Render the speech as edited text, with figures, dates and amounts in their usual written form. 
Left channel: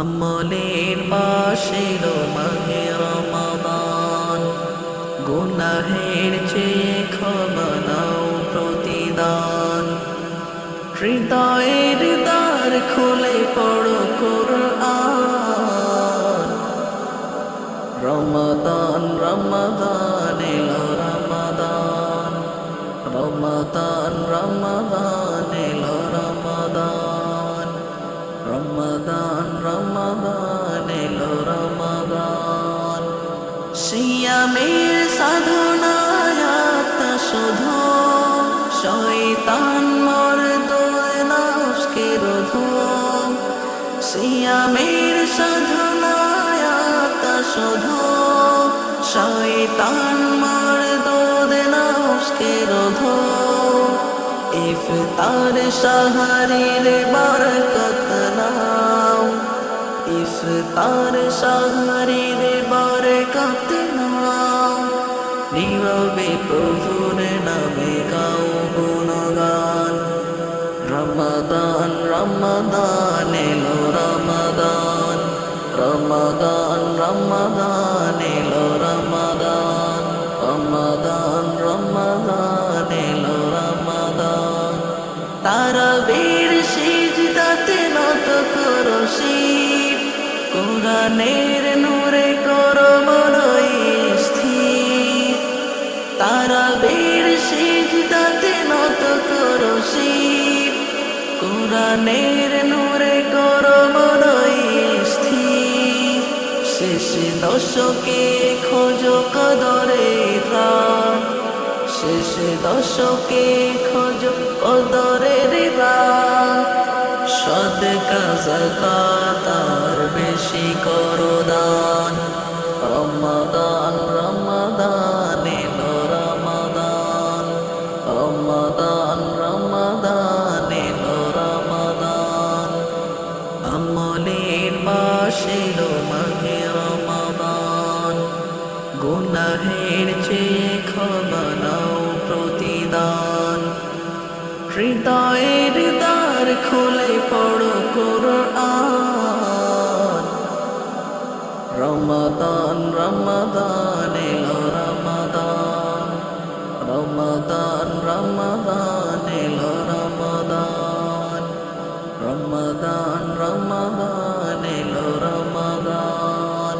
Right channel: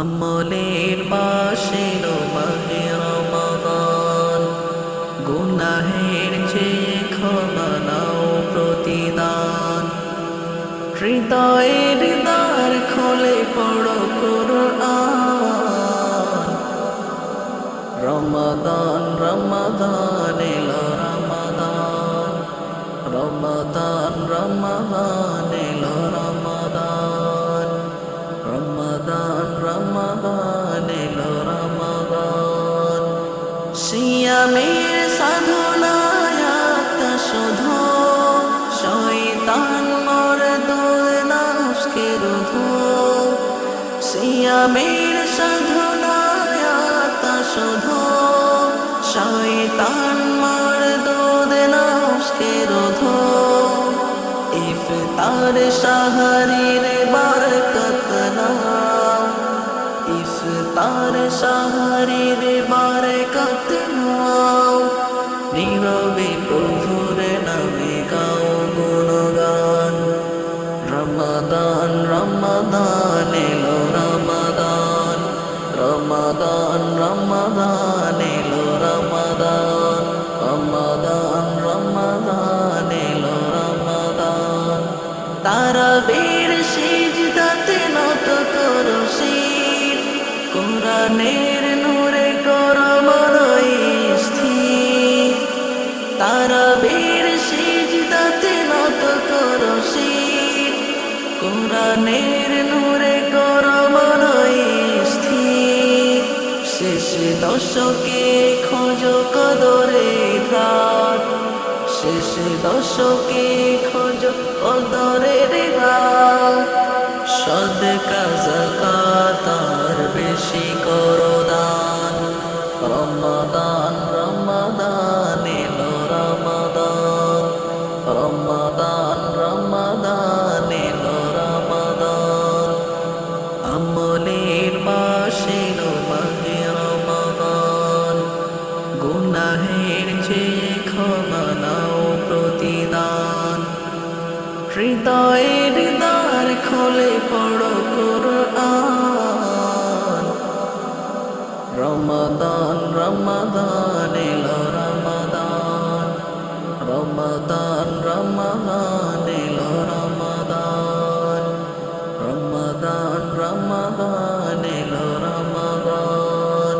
আমলের বাসিল মাহে রমাদান, গুনাহের চেয়ে ক্ষমা নাও প্রতিদান। হৃদয়ের দ্বার খুলে পড়ো কুরআন। রমাদান রমাদান এলো রমাদান, রমাদান রমাদান এলো রমাদান, রমাদান রমাদান এলো রমাদান। সিয়ামের সাধনায় আত্মশোধ, শয়তান মরদুদ নফসকে রোধ। সিয়ামের সাধনায় আত্মশোধ, শয়তান মরদুদ নফসকে রোধ। ইফতার সাহারির বরকত নাও, ইফতার সাহারির বরকত নাও। নীরবে প্রভুর নামে গাও গুণগান। রমাদান রমাদান এলো রমাদান, রমাদান রমাদান এলো রমাদান, রমাদান রমাদান এলো রমাদান। তারাবির সিজদাতে নত করো শির, কোরআনের নূরে করো মন স্থির। তারাবির সিজদাতে নত করো শির, কোরআনের নূরে করো মন স্থির। শেষ দশকে খোঁজো কদরের রাত, শেষ দশকে খোঁজো কদরের রাত। সদকা যাকাত আর বেশি করো দান। রমাদান রমাদান এলো রমাদান, রমাদান রমাদান এলো রমাদান। আমলের বাসিল মাহে রমাদান, গুনাহের চেয়ে ক্ষমা নাও প্রতিদান। হৃদয়ের দ্বার খুলে পড়ো কুরআন। রমাদান রমাদান এলো রমাদান, রমাদান রমাদান এলো রমাদান, রমাদান রমাদান এলো রমাদান।